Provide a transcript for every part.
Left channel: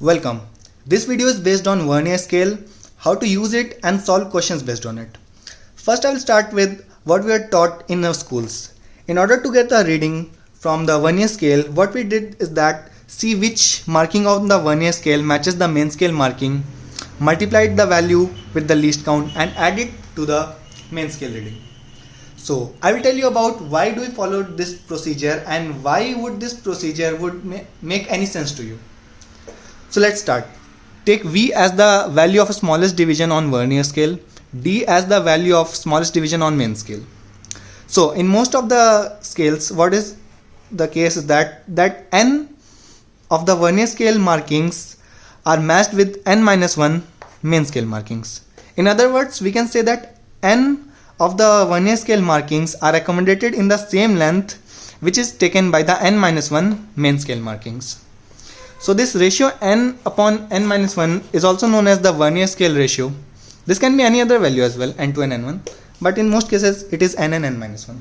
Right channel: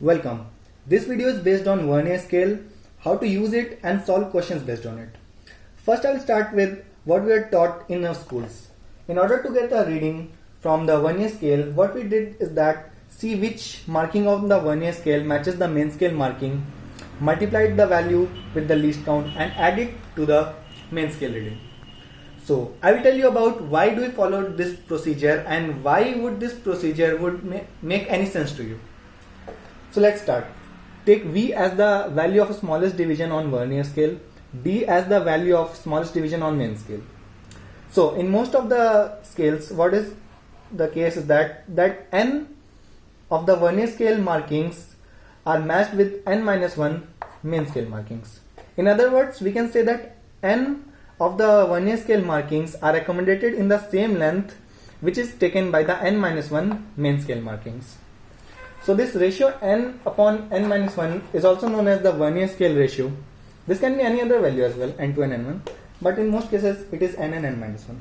Welcome. This video is based on Vernier scale, how to use it and solve questions based on it. First I will start with what we are taught in our schools. In order to get a reading from the Vernier scale, what we did is that see which marking of the Vernier scale matches the main scale marking, multiplied the value with the least count and add it to the main scale reading. So I will tell you about why do we follow this procedure and why would this procedure would make any sense to you. So let's start. Take V as the value of smallest division on Vernier scale, D as the value of smallest division on main scale. So in most of the scales, what is the case is that n of the Vernier scale markings are matched with n-1 main scale markings. In other words, we can say that n of the Vernier scale markings are accommodated in the same length which is taken by the n-1 main scale markings. So this ratio n upon n-1 is also known as the Vernier scale ratio. This can be any other value as well, n to n1, but in most cases it is n and n-1.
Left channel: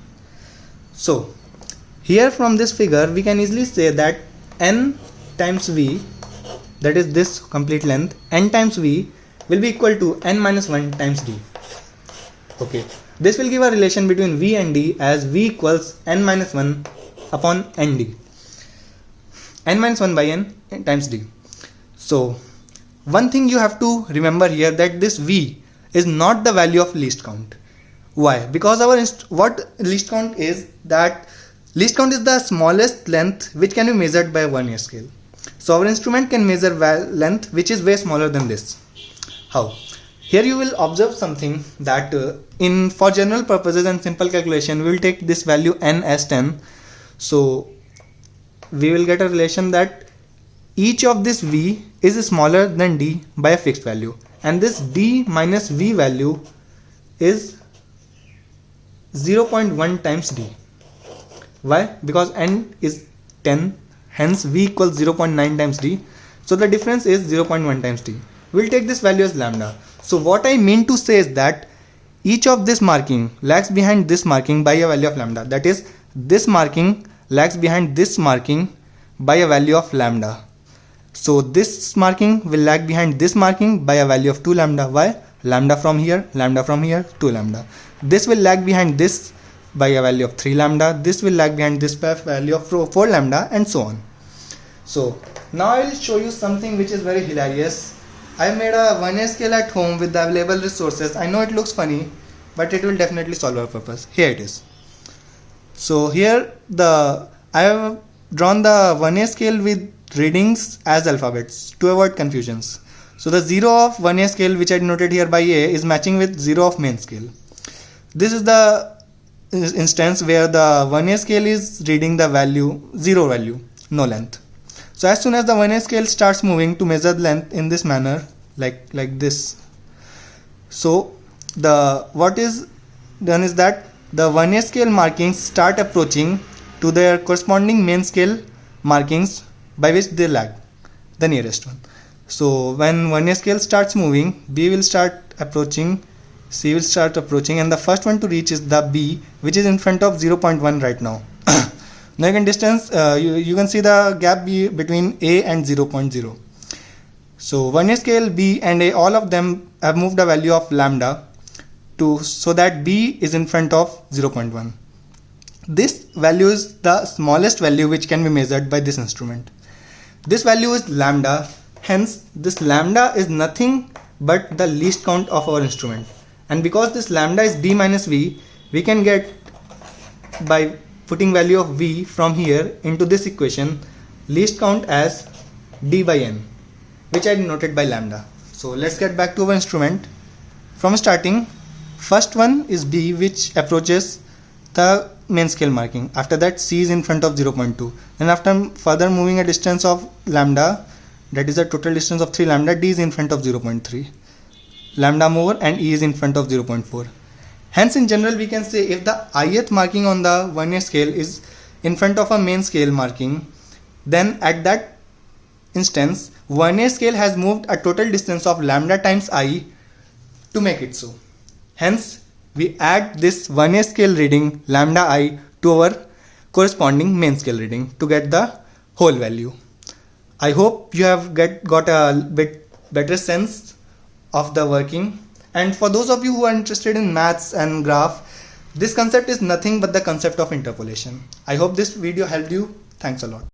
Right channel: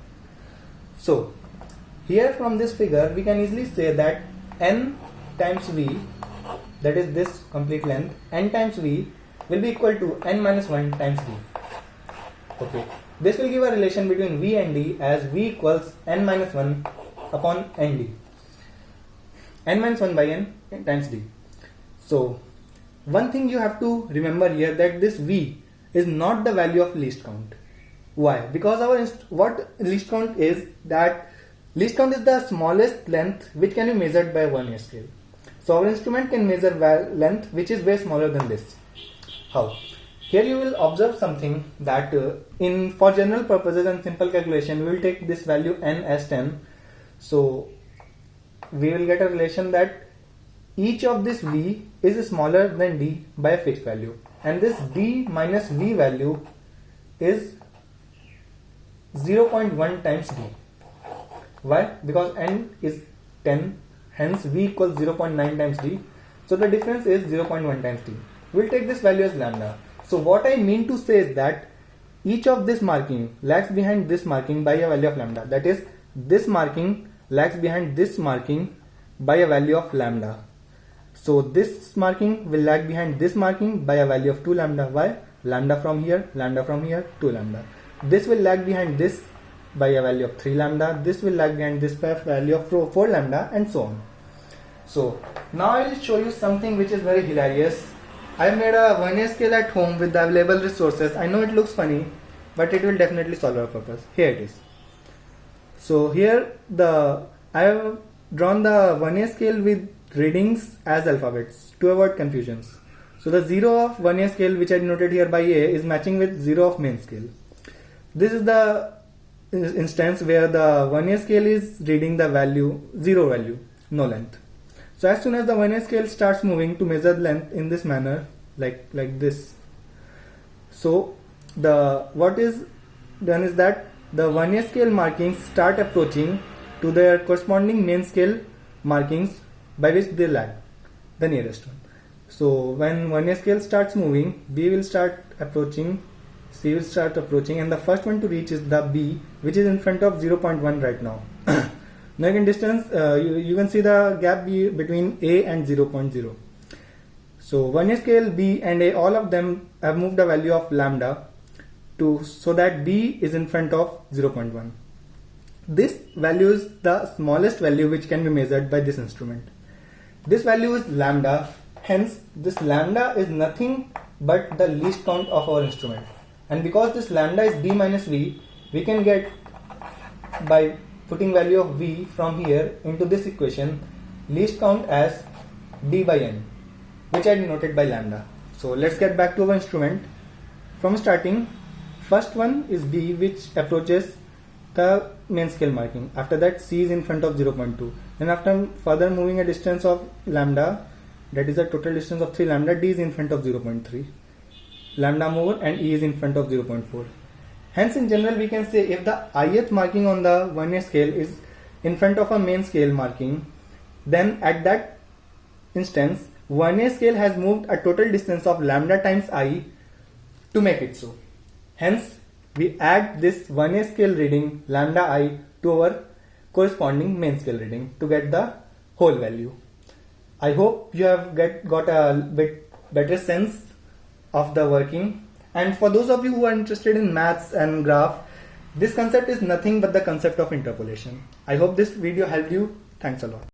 So here from this figure we can easily say that n times v, that is this complete length, n times v will be equal to n-1 times d. Okay, this will give a relation between v and d as v equals n-1 upon nd, n-1 by n times d. So one thing you have to remember here that this v is not the value of least count. Why? Because our what least count is, that least count is the smallest length which can be measured by Vernier scale. So our instrument can measure length which is way smaller than this. How? Here you will observe something that for general purposes and simple calculation we will take this value n as 10. So we will get a relation that each of this v is smaller than d by a fixed value, and this d minus v value is 0.1 times d. Why? Because n is 10, hence v equals 0.9 times d. So the difference is 0.1 times d. We'll take this value as lambda. So what I mean to say is that each of this marking lags behind this marking by a value of lambda. That is, this marking lags behind this marking by a value of lambda. So this marking will lag behind this marking by a value of 2 lambda. Why? Lambda from here, 2 lambda. This will lag behind this by a value of 3 lambda. This will lag behind this by a value of 4 lambda, and so on. So now I will show you something which is very hilarious. I made a Vernier scale at home with the available resources. I know it looks funny, but it will definitely solve our purpose. Here it is. So here I have drawn the Vernier scale with readings as alphabets to avoid confusions. So the 0 of Vernier scale, which I denoted here by A, is matching with 0 of main scale. This is the instance where the Vernier scale is reading the value 0 value, no length. So as soon as the Vernier scale starts moving to measure length in this manner, like this, so what is done is that the Vernier scale markings start approaching to their corresponding main scale markings by which they lag, the nearest one. So when Vernier scale starts moving, B will start approaching, C will start approaching, and the first one to reach is the B, which is in front of 0.1 right now. Now you can distance, you can see the gap between A and 0.0. So Vernier scale B and A, all of them have moved a value of lambda so that B is in front of 0.1. This value is the smallest value which can be measured by this instrument. This value is lambda, hence this lambda is nothing but the least count of our instrument. And because this lambda is b minus v, we can get, by putting value of v from here into this equation, least count as d by n, which I denoted by lambda. So let's get back to our instrument. From starting, first one is b, which approaches the main scale marking. After that, C is in front of 0.2, and after further moving a distance of lambda, that is a total distance of 3 lambda, D is in front of 0.3, lambda more, and E is in front of 0.4. Hence in general we can say if the ith marking on the Vernier scale is in front of a main scale marking, then at that instance Vernier scale has moved a total distance of lambda times I to make it so. Hence we add this Vernier scale reading lambda I to our corresponding main scale reading to get the whole value. I hope you have got a bit better sense of the working. And for those of you who are interested in maths and graph, this concept is nothing but the concept of interpolation. I hope this video helped you. Thanks a lot.